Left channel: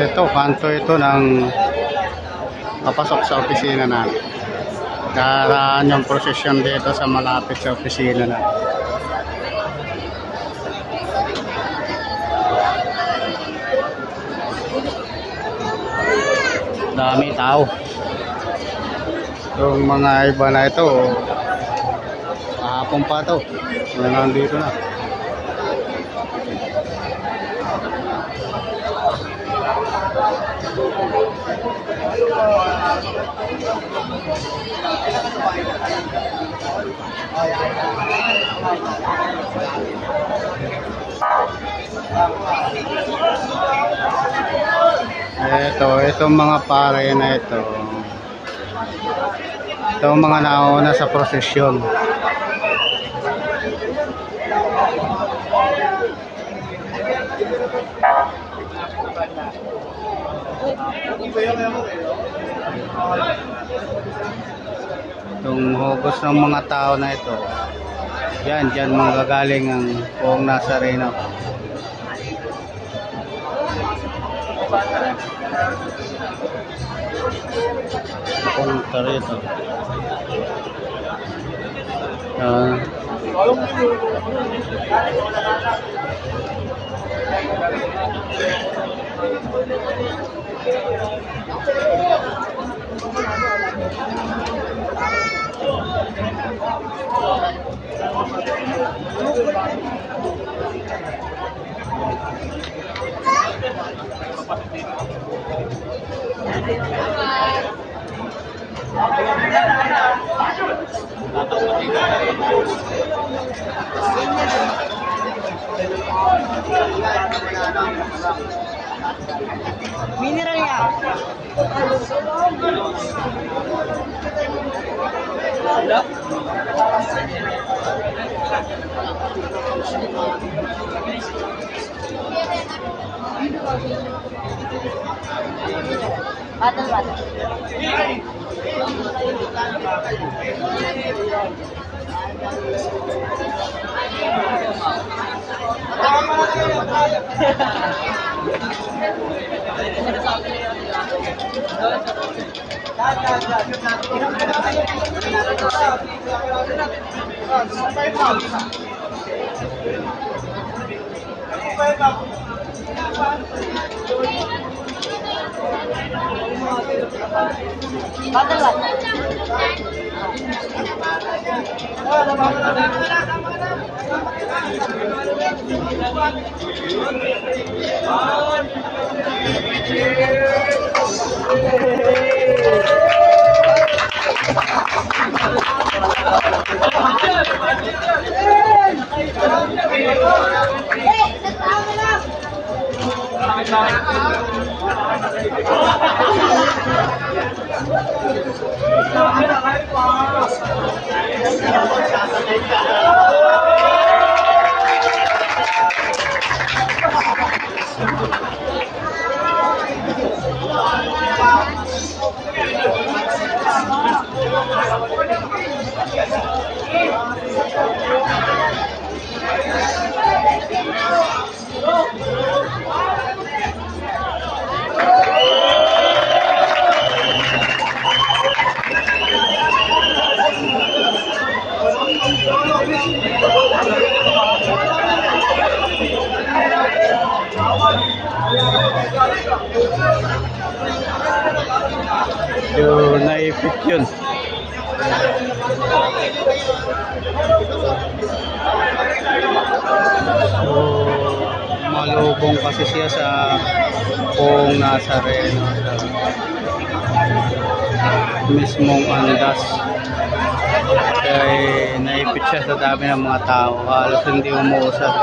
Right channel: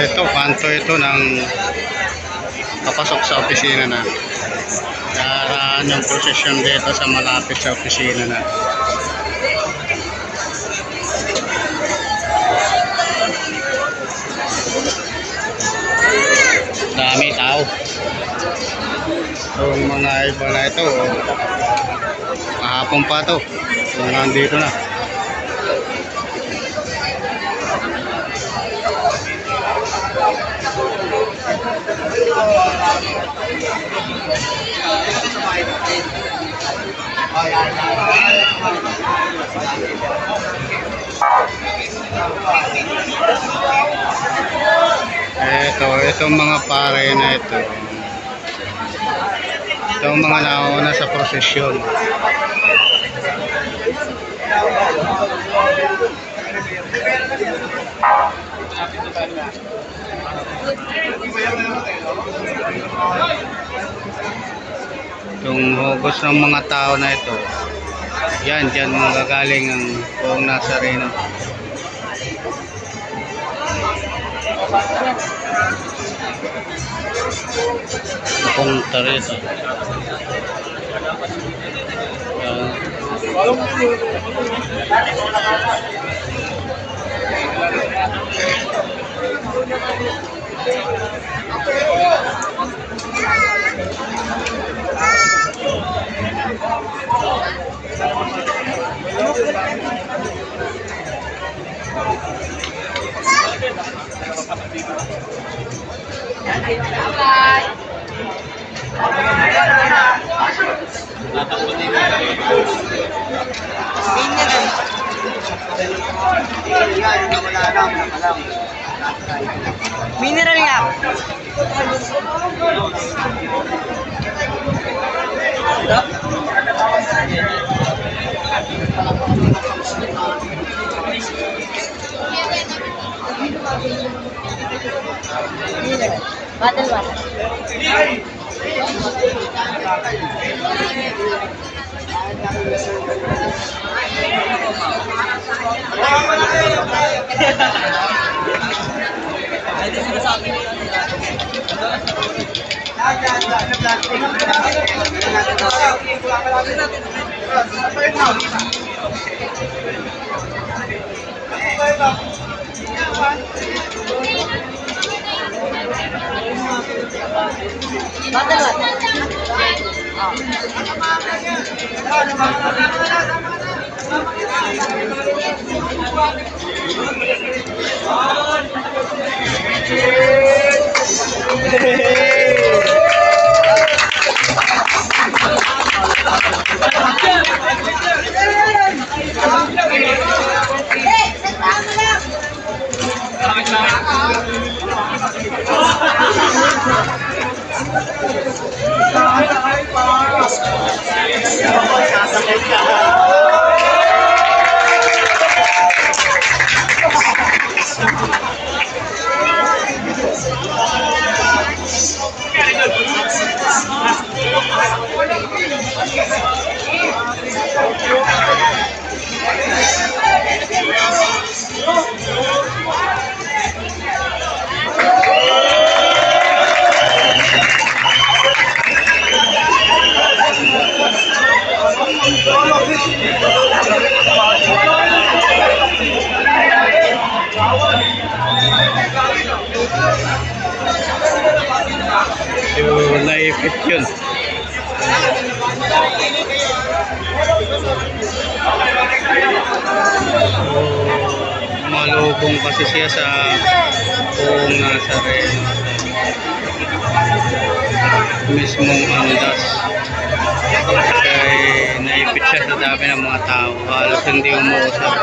Ito, kanto ito ng papasok sa opisina na. Daraan yung prosesyon dito sa malapit sa opisina na. Dami tao. Yung mga iba na ito, kahapon pa ito. Nandito na. Itong mga pare na ito. Itong mga nauna sa prosesyon. Itong hugos ng mga tao na ito, dyan manggagaling ang buong Nazareno. Punta rito. Mineral nga. Bottle water. So, naipit yun. So, malubong kasi siya sa buong Nazareno, sa mismong andas. Kaya naipit siya sa dami ng mga tao. Halos hindi umuusap.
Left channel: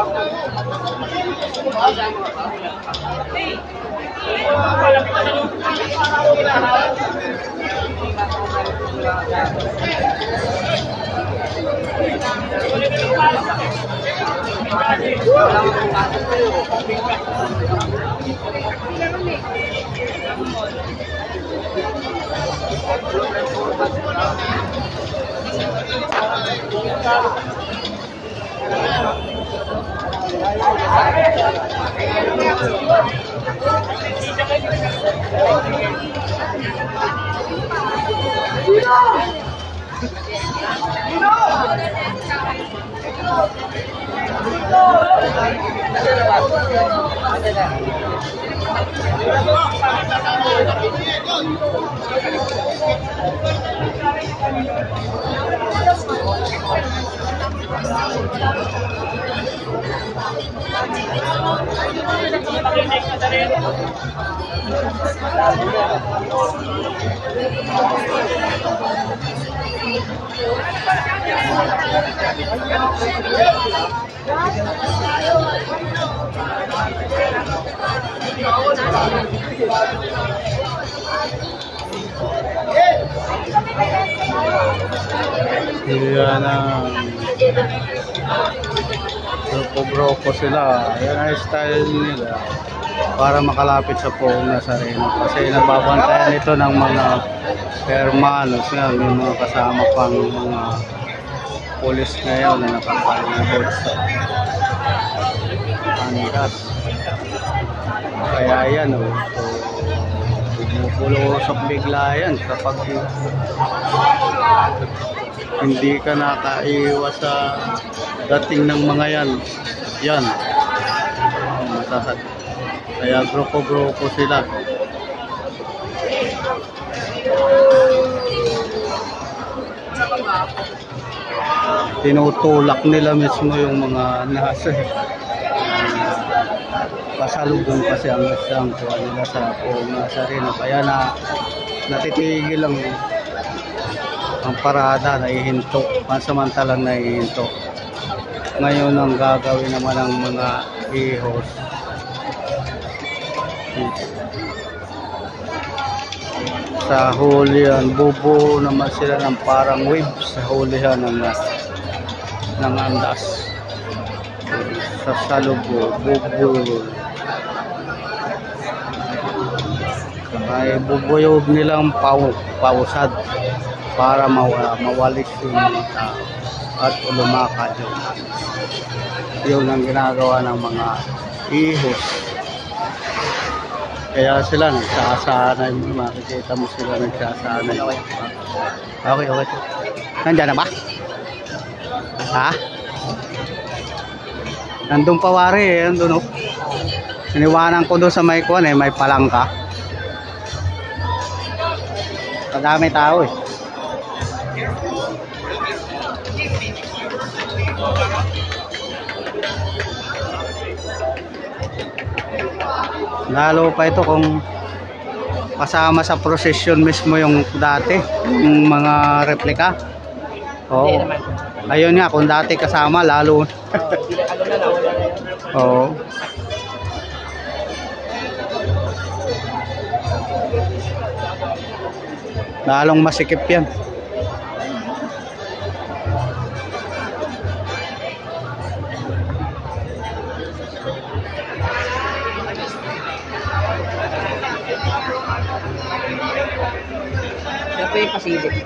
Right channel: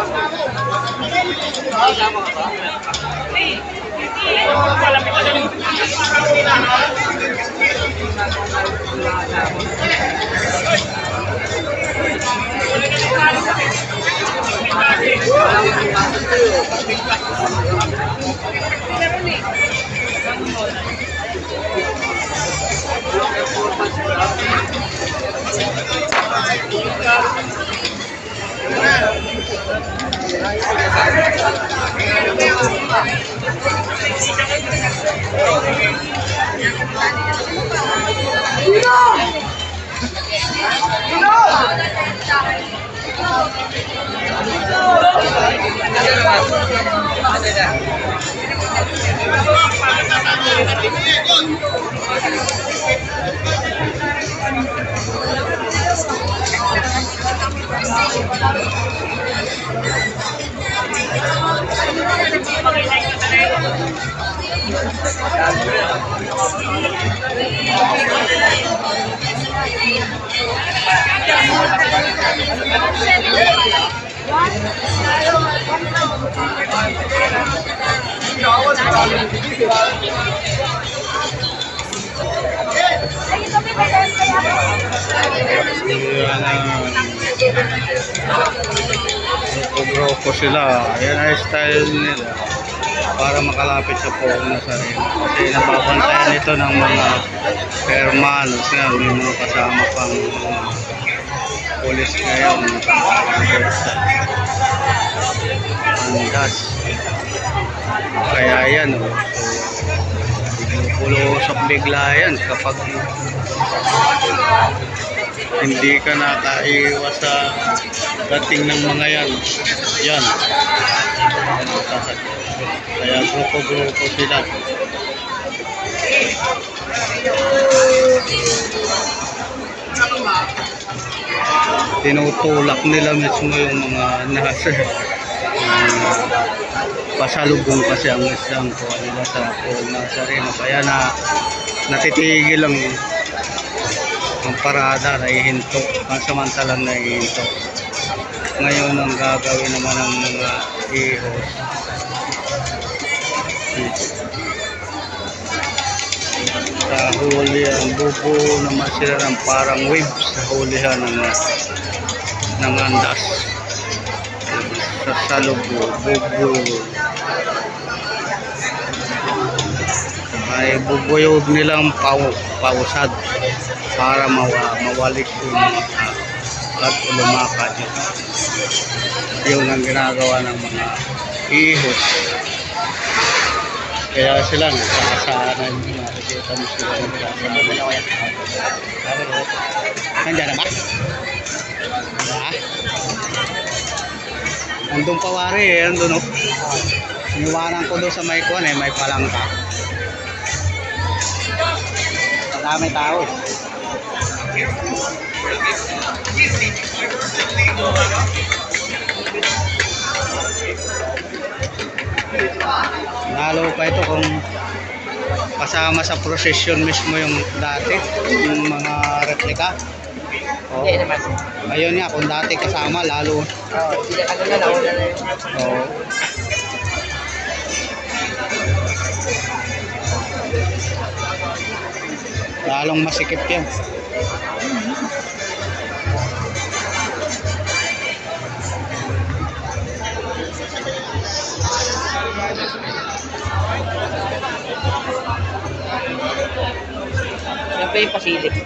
Yan ang grupo sila. Yan ay style nila para makalapit sa Poong Nazareno. Kasi nababantayan ito ng mga hermanos nga. May mga kasama pang mga pulis ngayon na nakapalibot sa andas. Kaya yan, oh. So, bumubulusok bigla yan kapag hindi ka nakaiwas sa dating ng mga yan. Yan. Kaya grupo-grupo sila. Tinutulak nila mismo yung mga nasa pasalubong kasi ang isang kuha nila sa Poong Nazareno. Kaya natitigil lang ang parada, naihinto, pansamantalang naihinto. Ngayon ang gagawin naman ng mga ihos, sa hulihan, bubuo naman sila ng parang wave sa hulihan ng andas. Sa salubo, bubuo. Ay bubuyog nilang pausad para mawalis yung mga tao at lumakad yun ang ginagawa ng mga ihos. Kaya sila nagsasanay, makikita mo sila nagsasanay. Okay. Nandiyan na ba? Ha? Nandun pa wari eh, nandun oh. Iniwanan ko doon sa may kuwan eh, may palangka. Madami tao eh. Lalo pa ito kung kasama sa prosesyon mismo yung dati, yung mga replika. Oo. Ayun nga, kung dati kasama, lalo. Oo. Lalong masikip yan. Yan pa yung pasilip.